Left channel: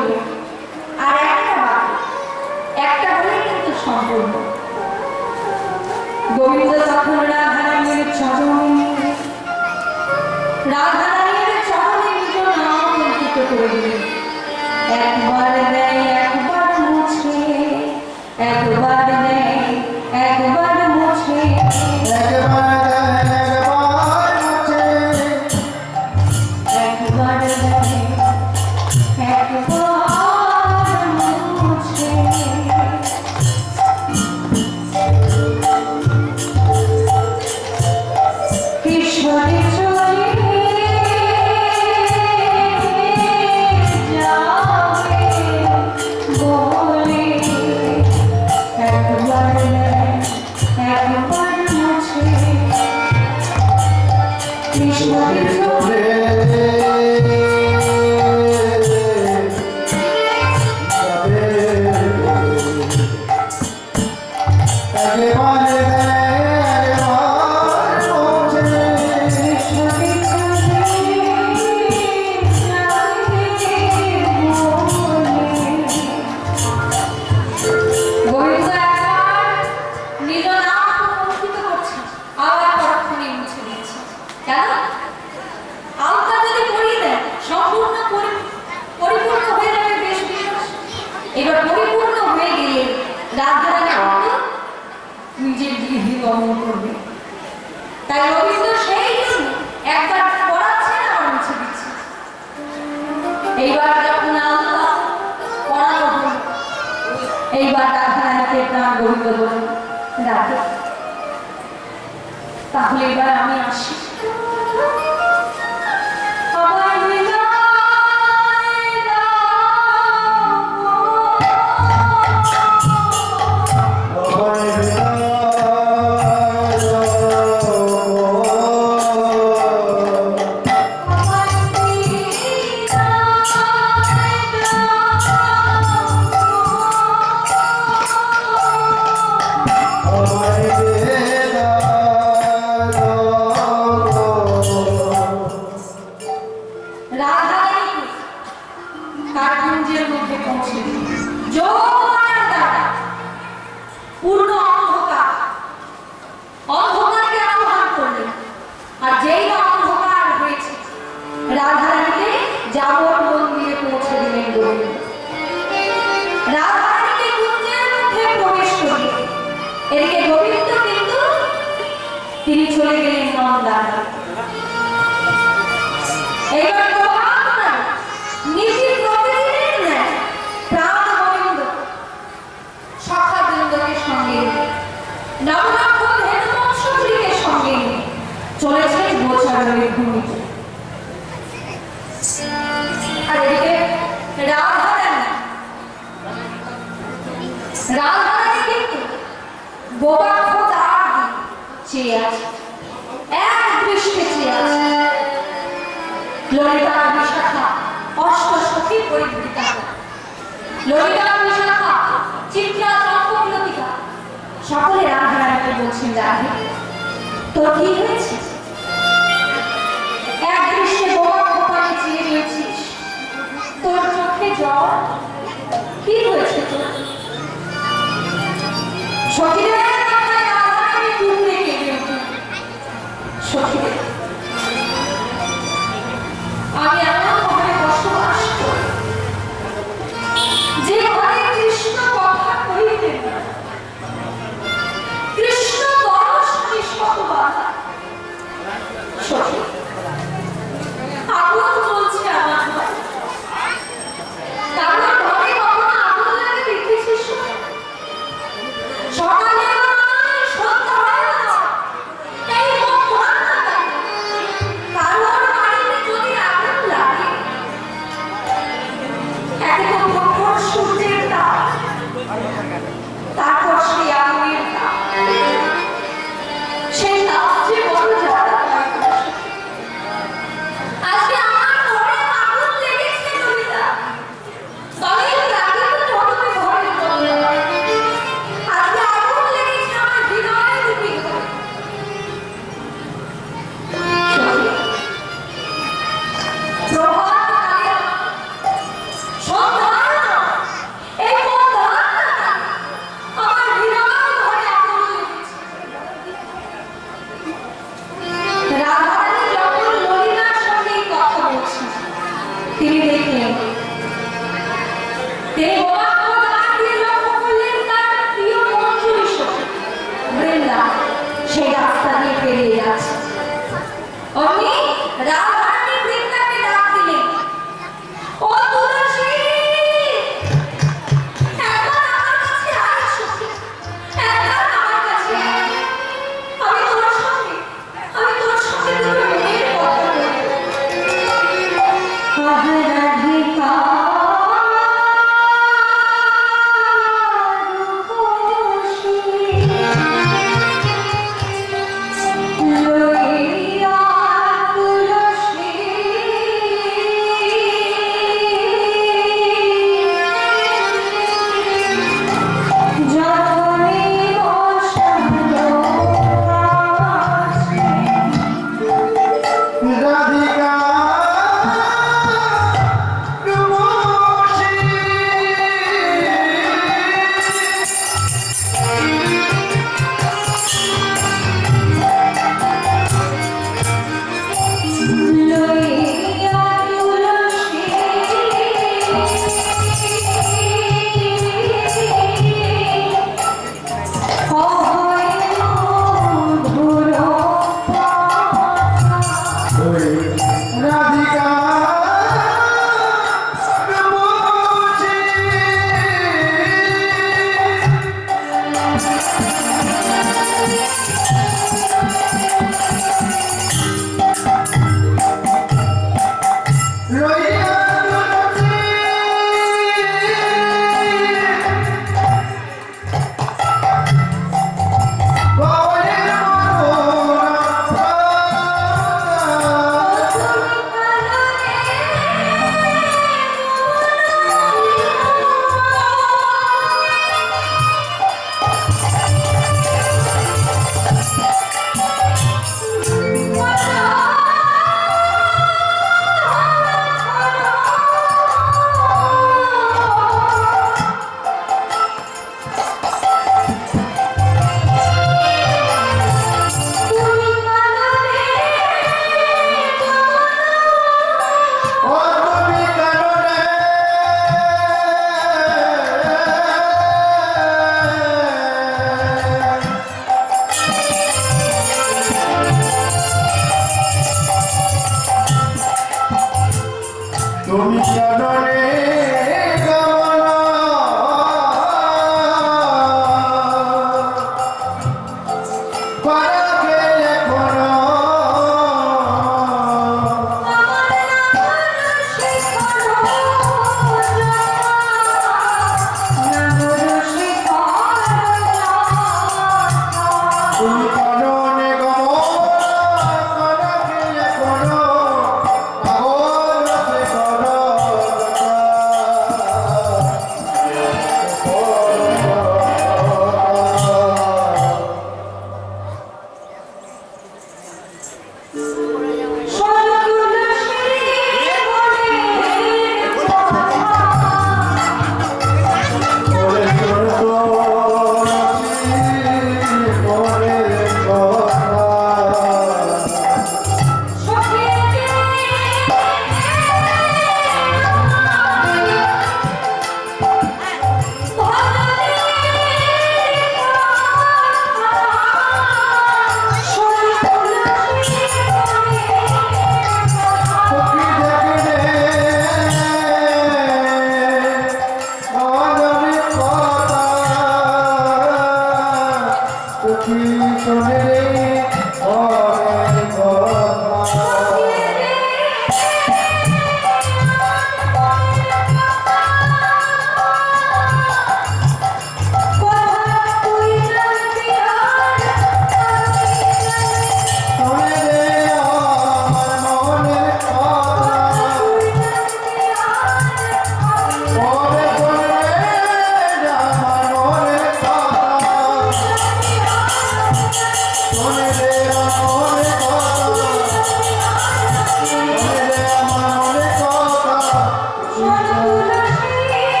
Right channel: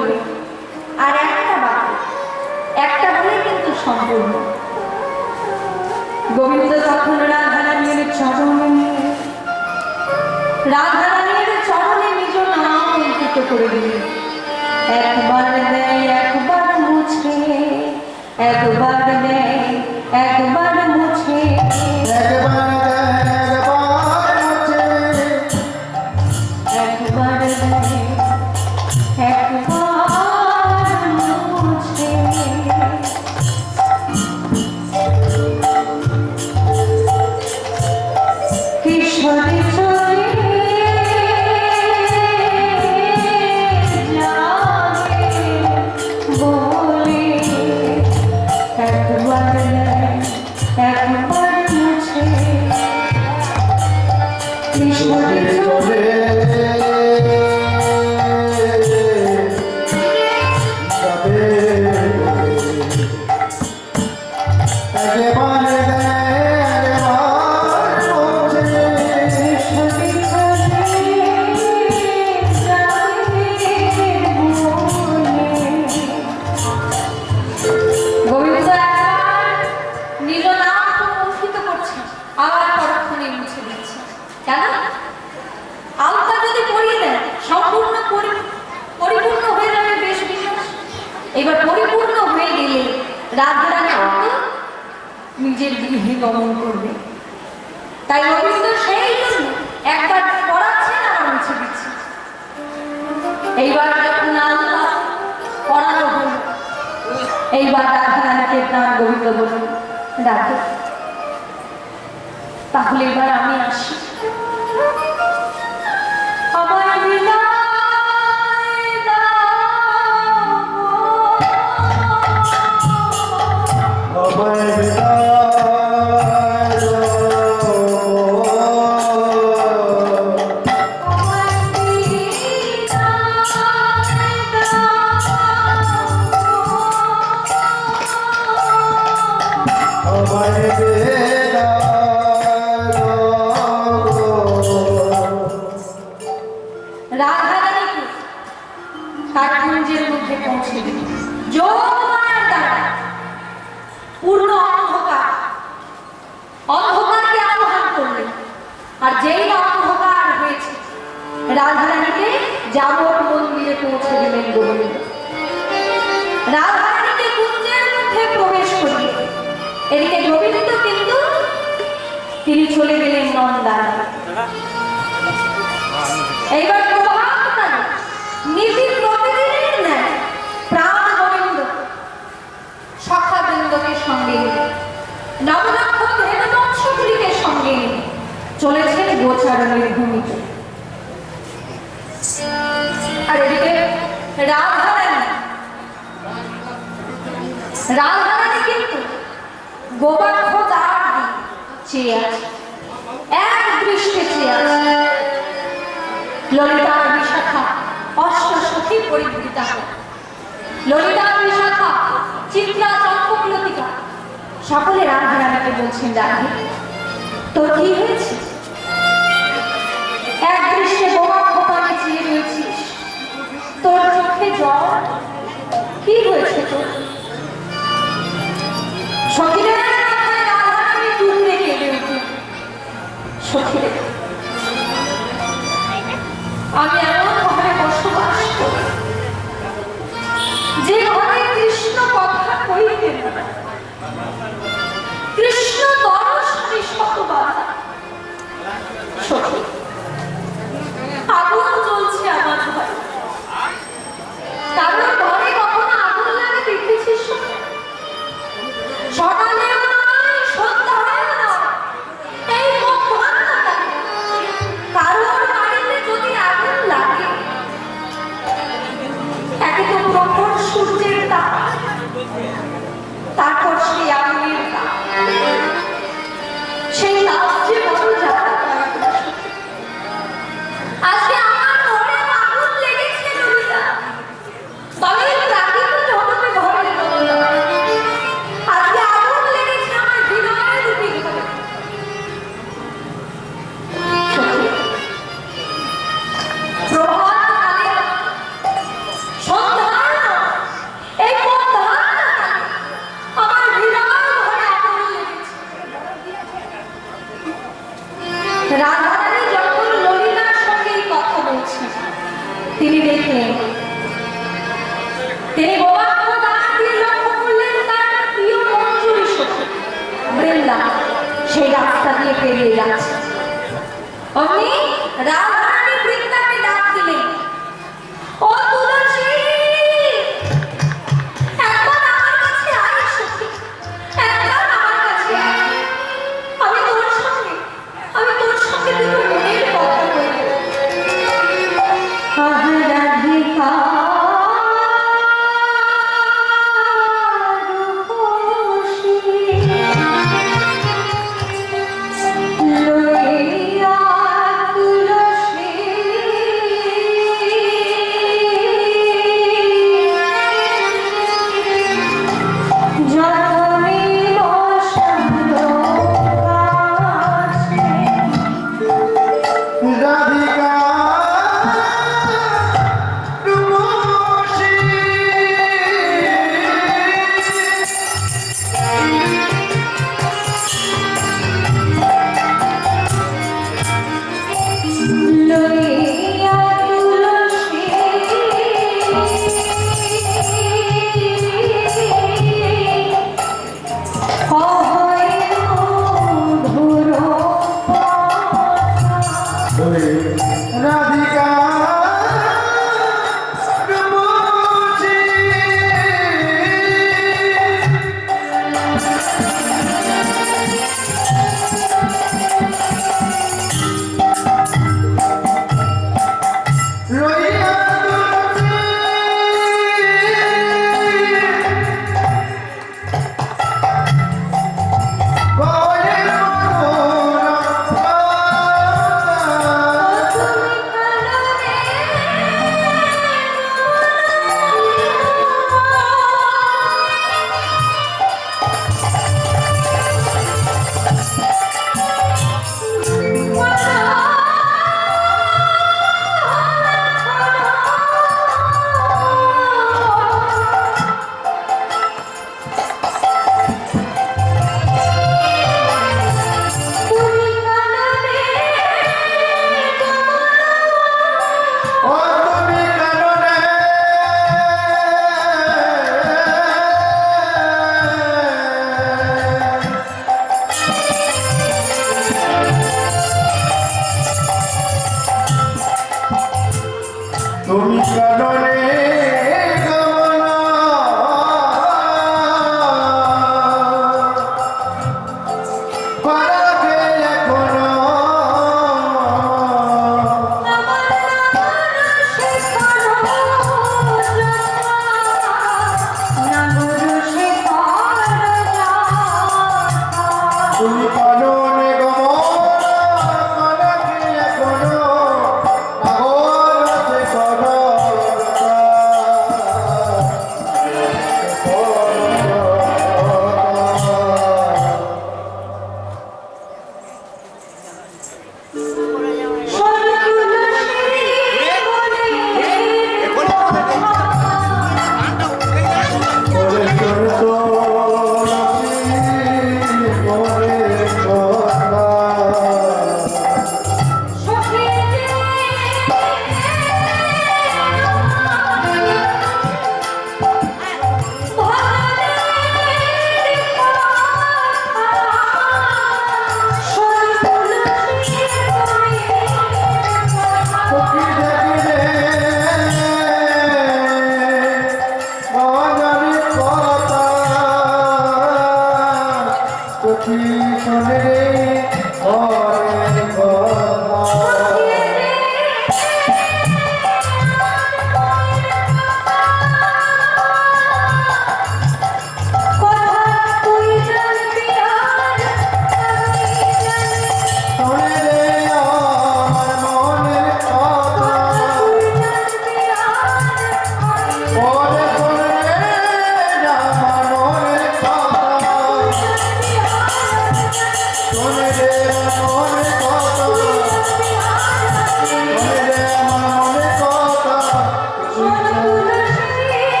হলো, আর একটা একটা হলেই কিন্তু সম্পূর্ণ। গোবিন্দ তখন রাধারানীর চরণে রাধারানীর চরণে নিজ নাম অঙ্কিত করে দিলেন। একবার দেয়, একবার এইবার রাধারানীকে প্রাণ গোবিন্দ বলুন ডাকে তাহলে এবার আমি আসি। রাধারানীকে যাবর মন্দিরে পৌঁছে দিলেন গোবিন্দ। রাধারানীকে কুঞ্জের মধ্যে প্রবেশ করলেন এদিকে গোবিন্দ কিন্তু তিনি চলে গেলেন নন্দায় এইবার নবলক্ষ ধেনুবংশগুলিকে সঙ্গে চলেছেন গোচারণের ভূমিতে। রাধারানী কিন্তু আছে। ললিতা বিশাখা অষ্ট সখী পরিবৃতা ললিতা বিশাখা চিত্রা চম্পকলতিকা সকলে রাধারানীকে বলছেন, রাধে, তোর কি হয়েছে? এক দৃশ্যে বোমা খোপাকে চেয়ে রয়েছিস। তোর চোখে জল? কি হয়েছে তোর? সখীদের উঠলেন সখীদের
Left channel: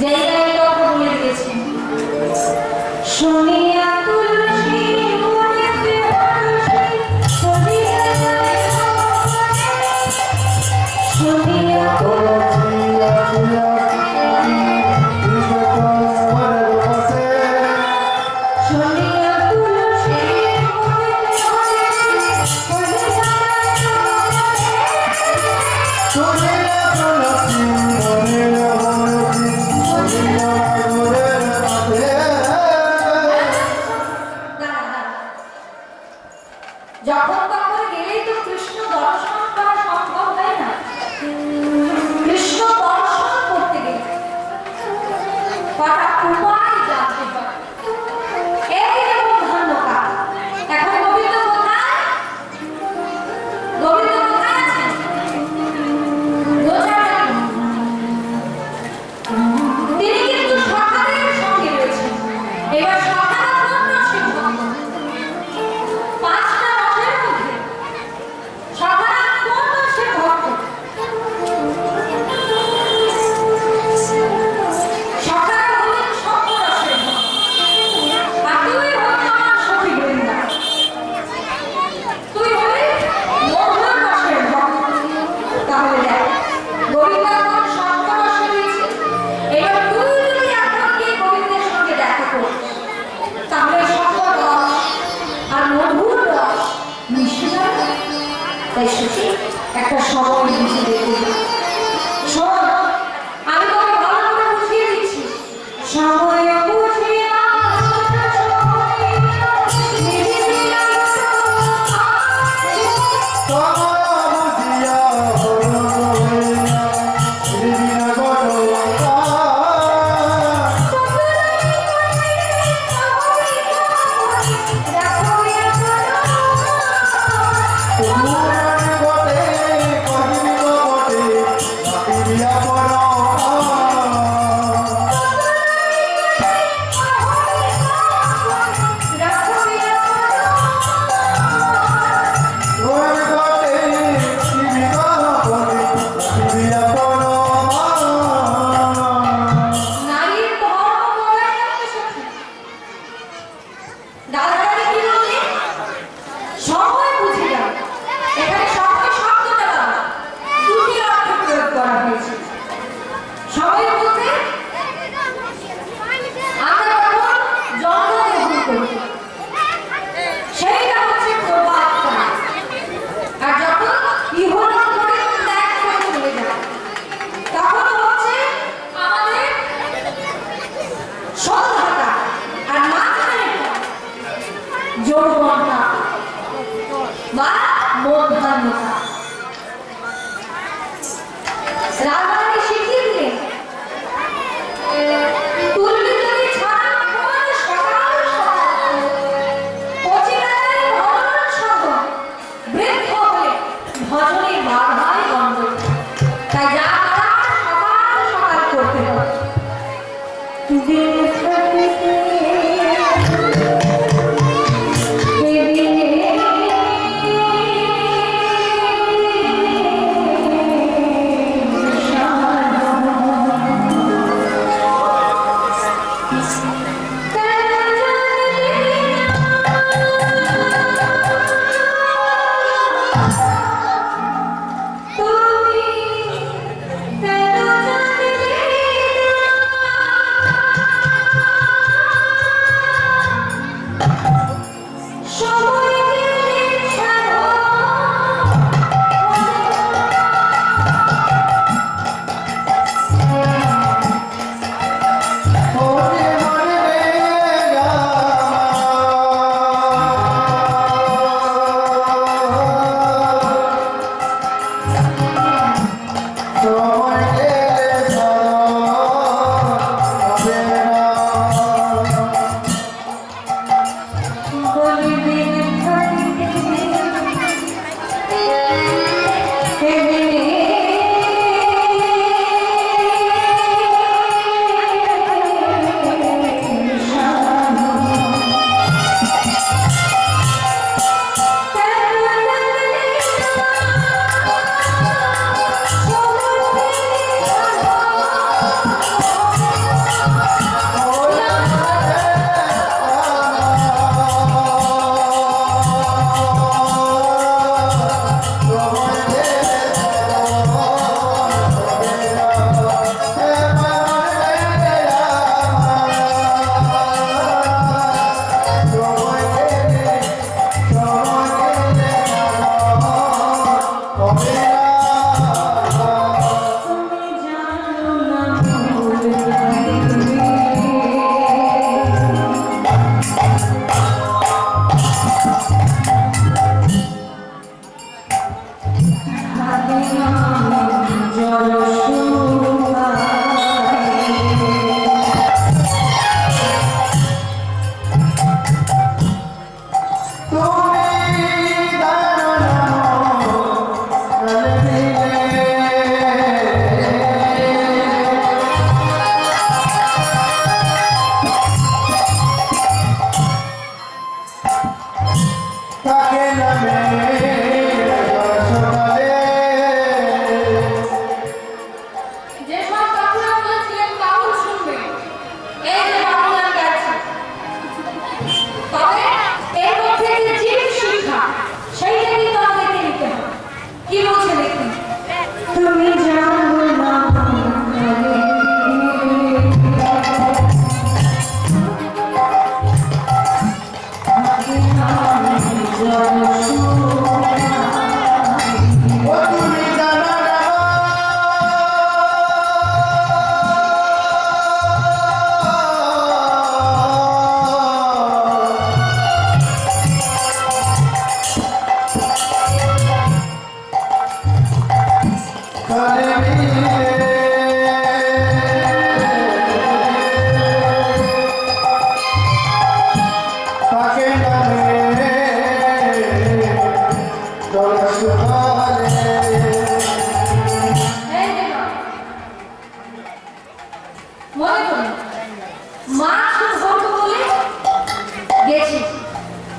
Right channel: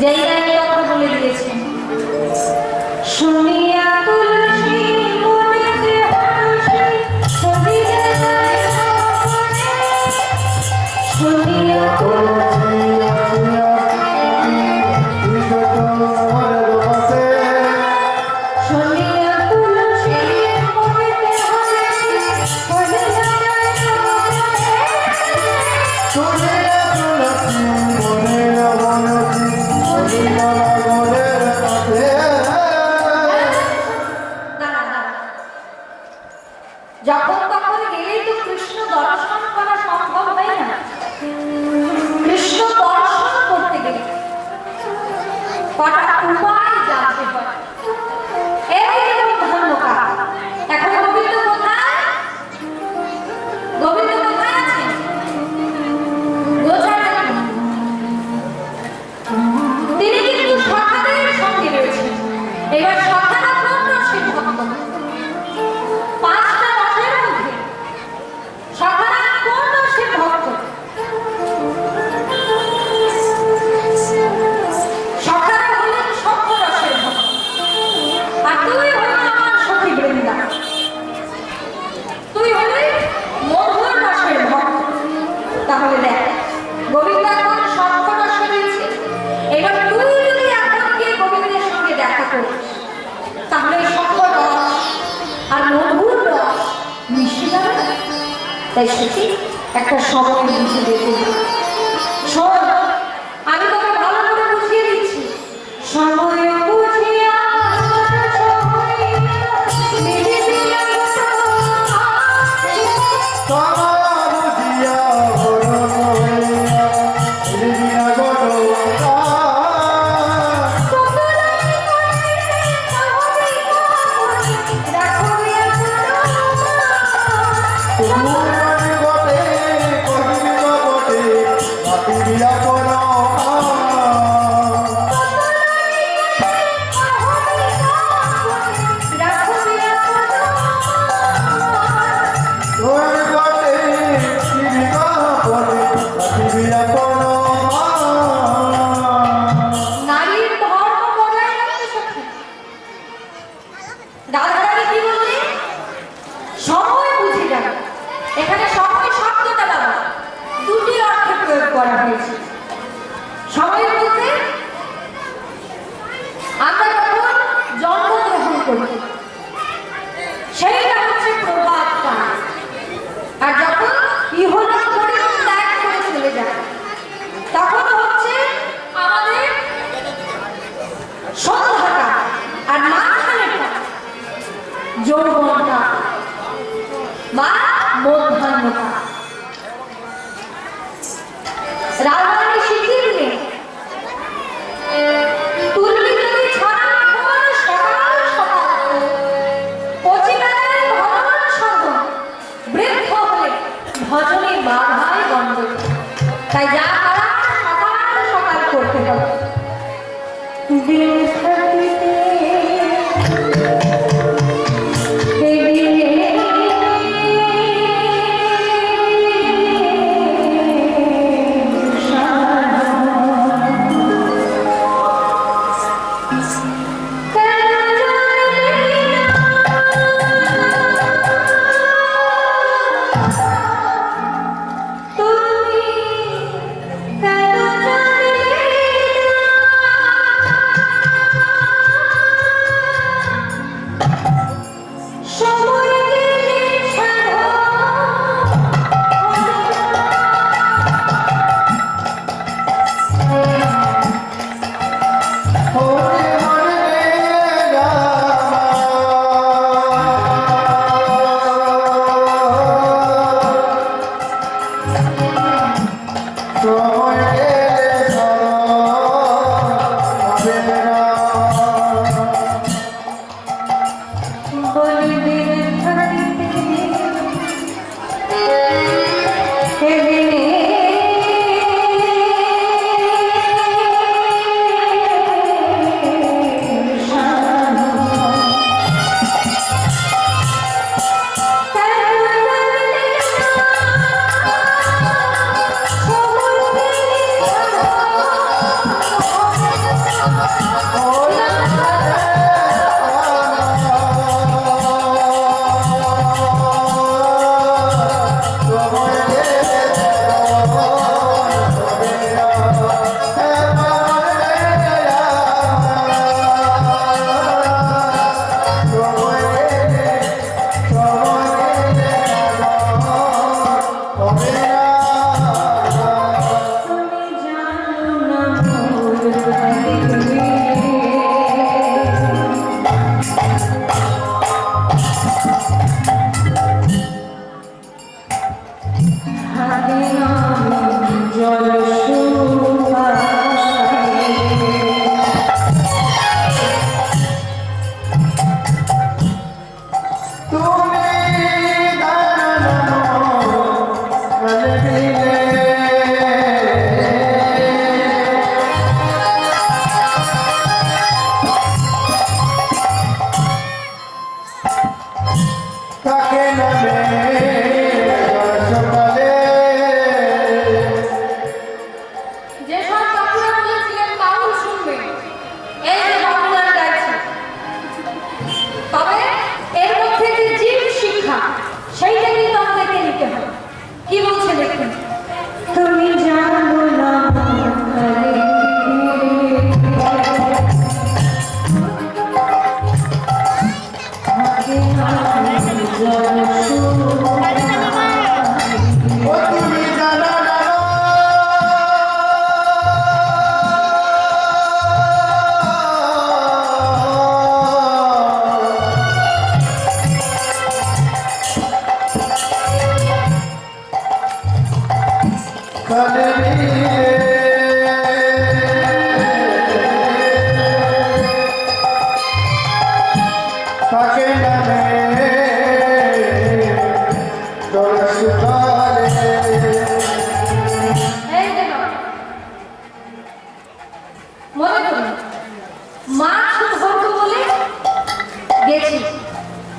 যেই গায়ে কথা বলে দিয়েছেন। শুনিয়া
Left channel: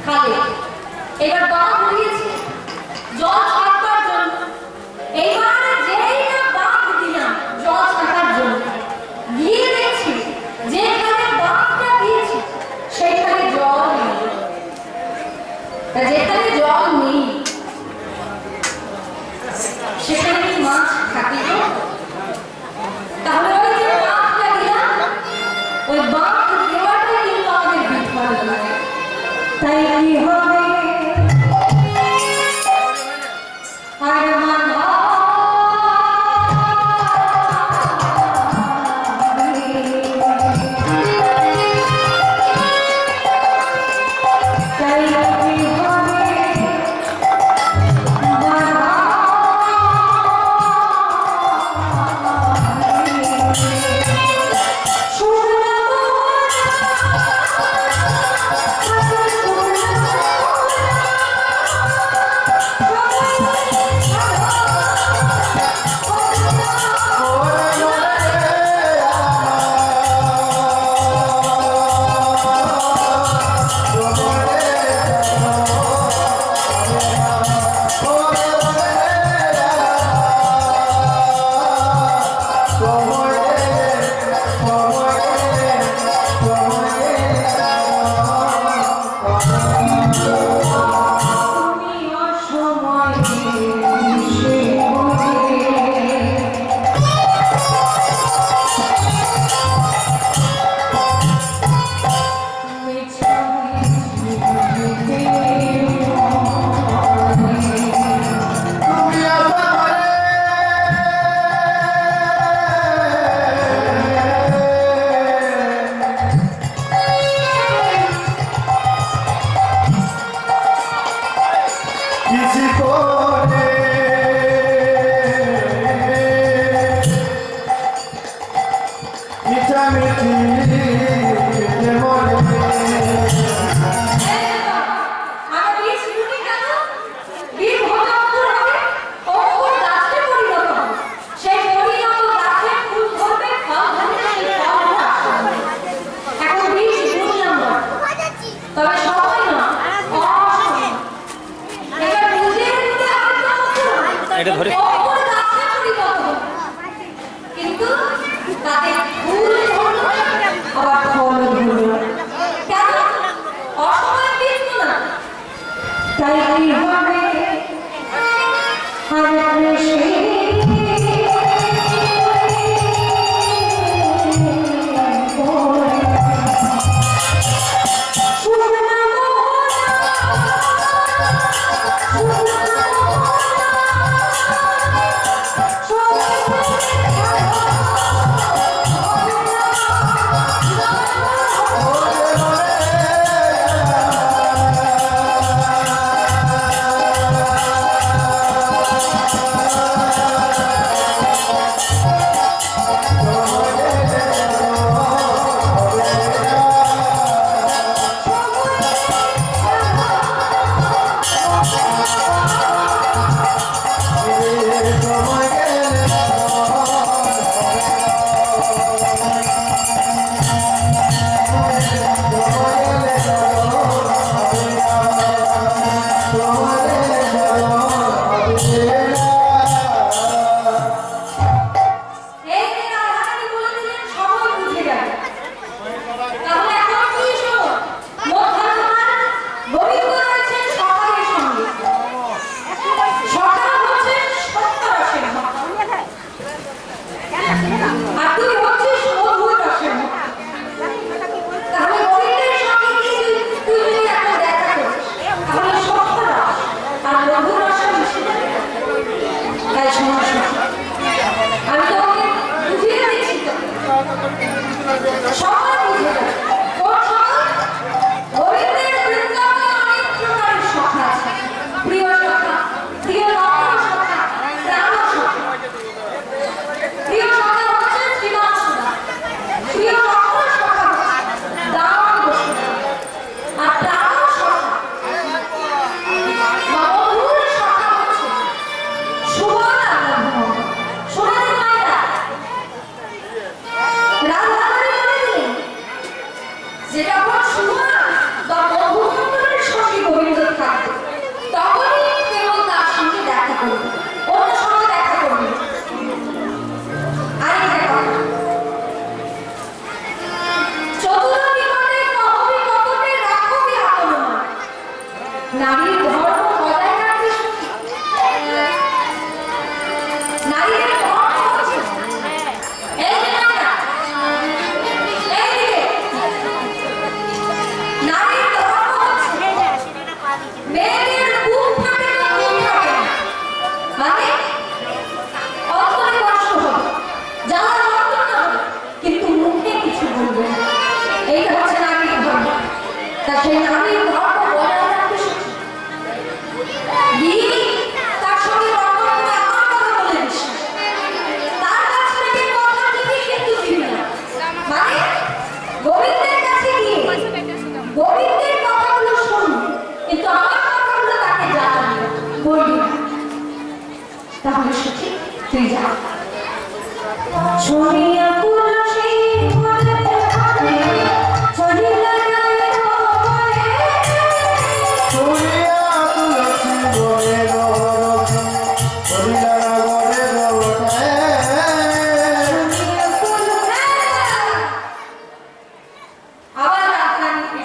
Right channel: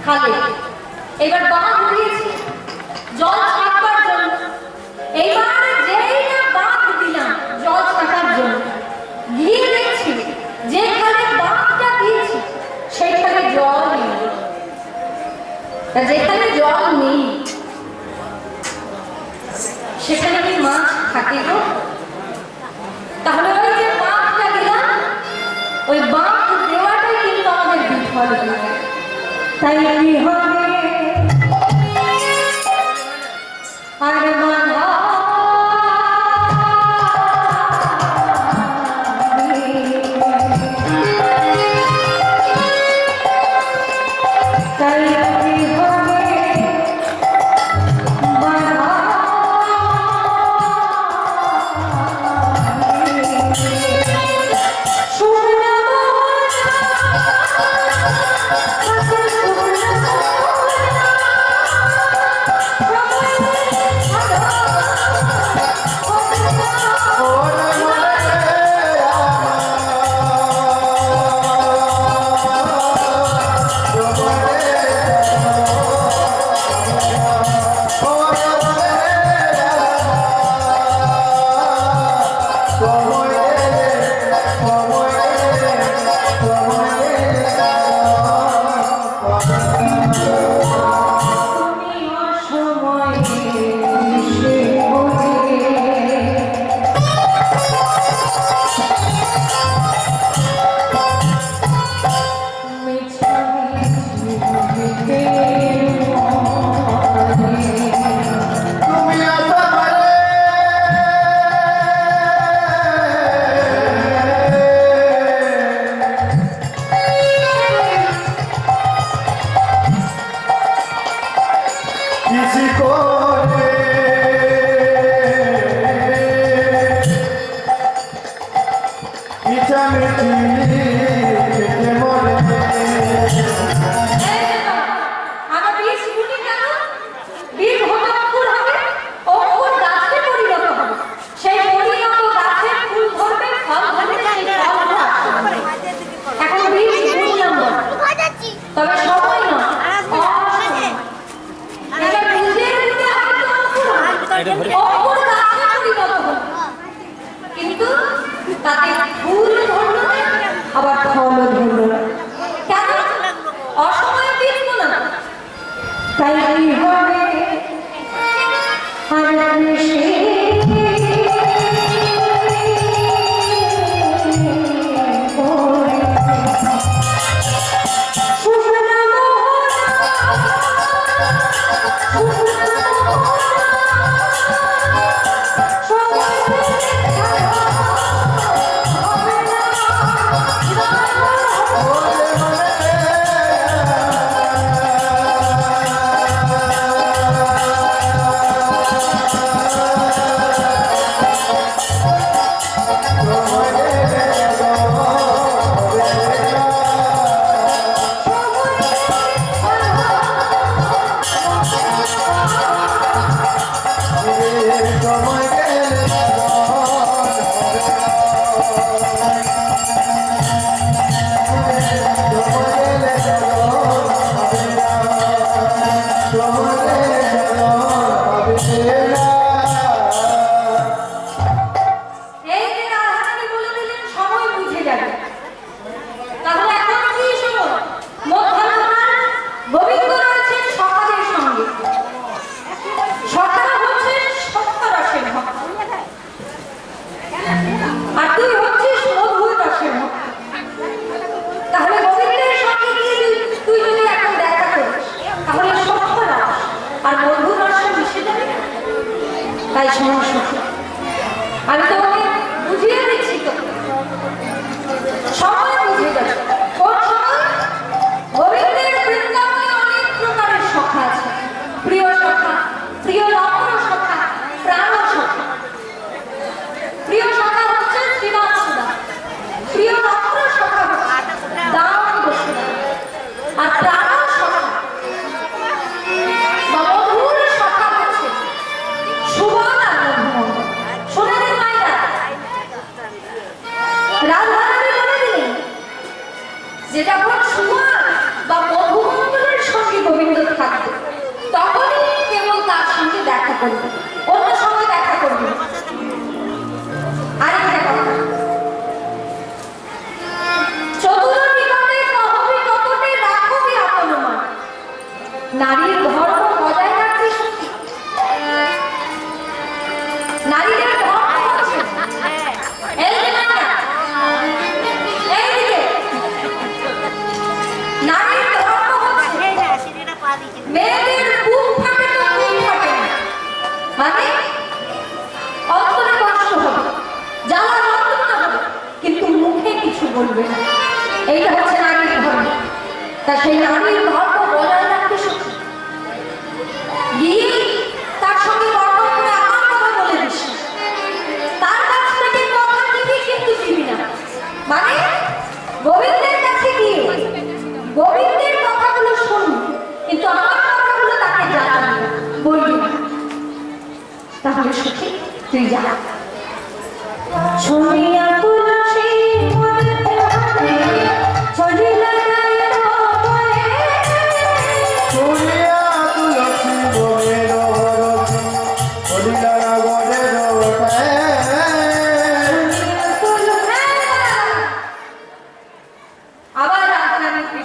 খালে এবার বাঁধ দিয়েছি। জল ছাড়বার জন্য। এইবার যেই না বাঁধ দিলাম, জল ছাড়ার জন্য। গিয়ে দেখছি, যেখানে বাঁধটা দিয়েছি, সেখানে জল নেই। যেখানে জল নেই, সেখানে কি মাছ থাকে তাহলে ওই যে বাঁধটা দিলাম, ওই বাঁধ I Thank you.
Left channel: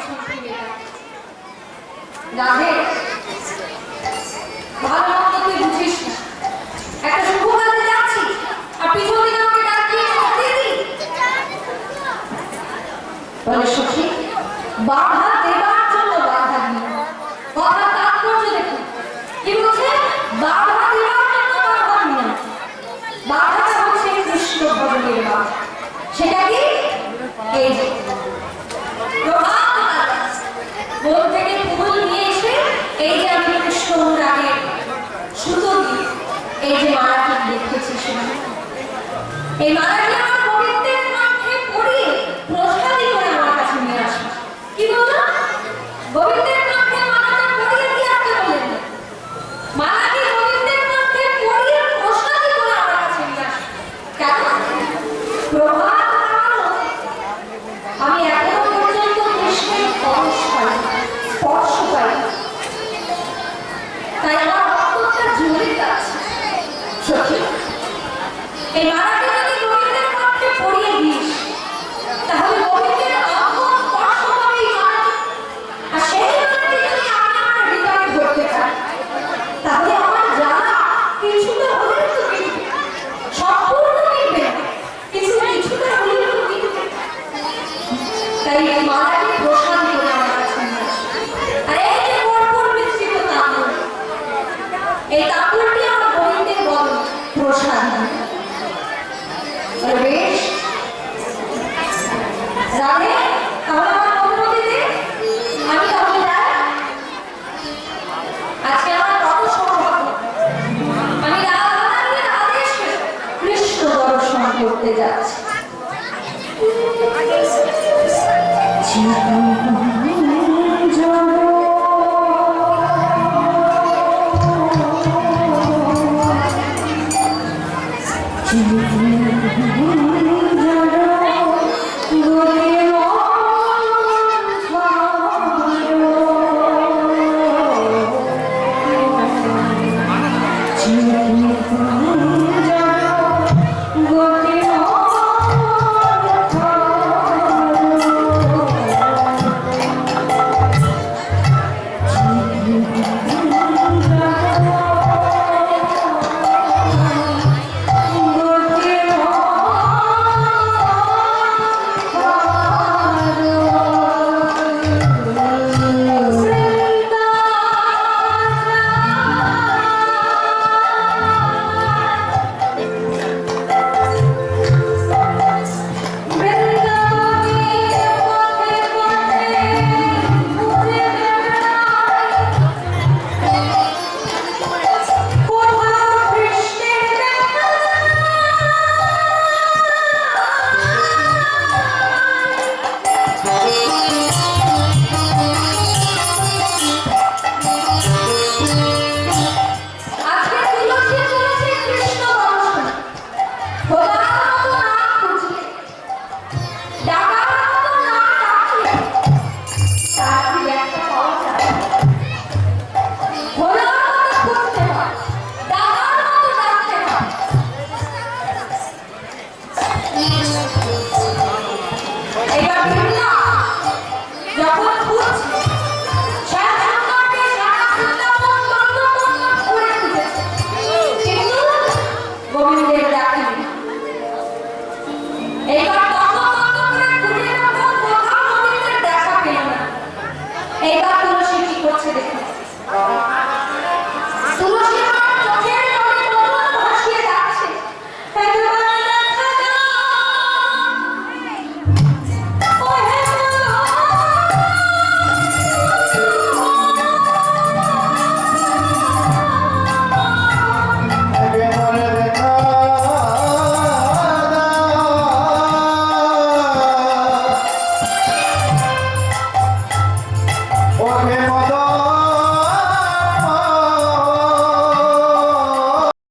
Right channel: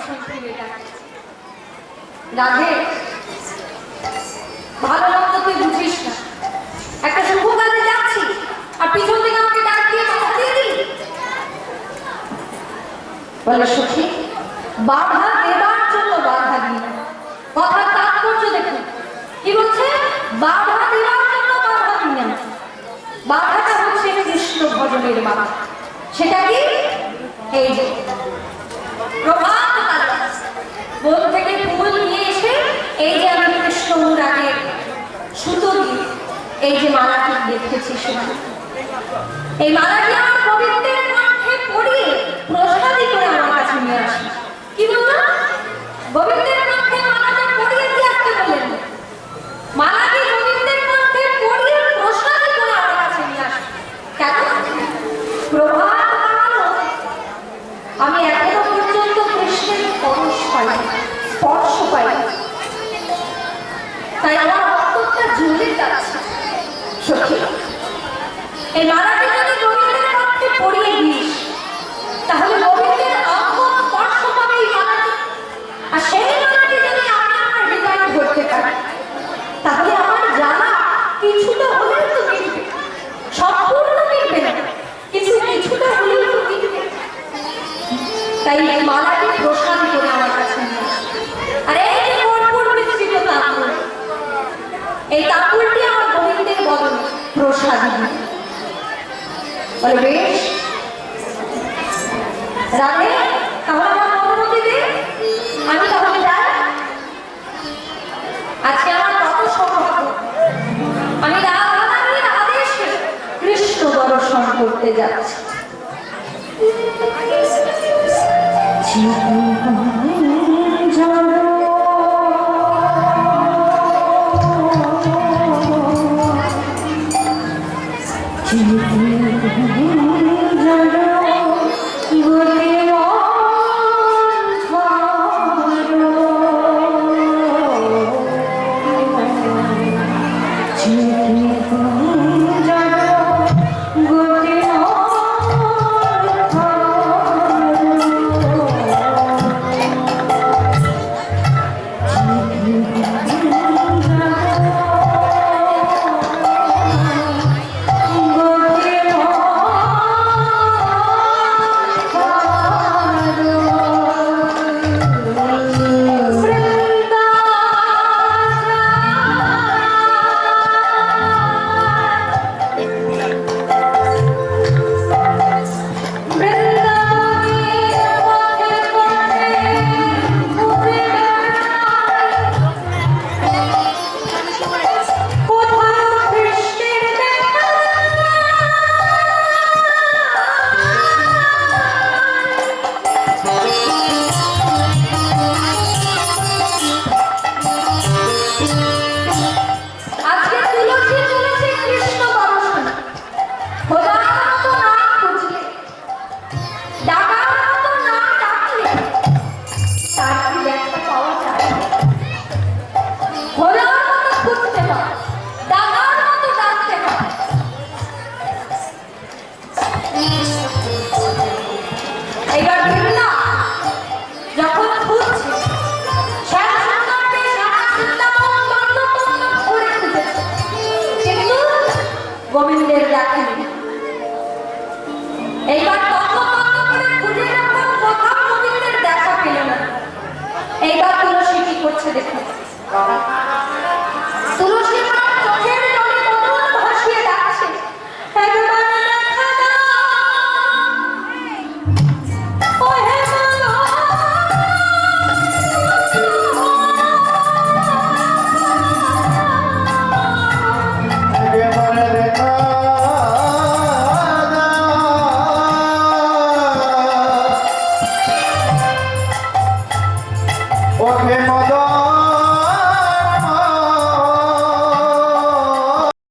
সত্যি ভালো মন্দ তুই বুঝিস না। একটা শুভ কাজে যাচ্ছি, আর পিছন বলে, সখী, বাপ এই মালাটি আমার পবিত্রের কণ্ঠে পড়িয়ে প্রসাদী করে আমার কাছে নিয়ে আসি। কি বলতো? পবিত্রের কণ্ঠে মালাটা পড়িয়ে দিয়ে আসতে বললেন? মালাটি পবিত্রের কণ্ঠে পড়িয়ে প্রসাদী করে আমার কাছে নিয়ে আসি। কেন? প্রভাব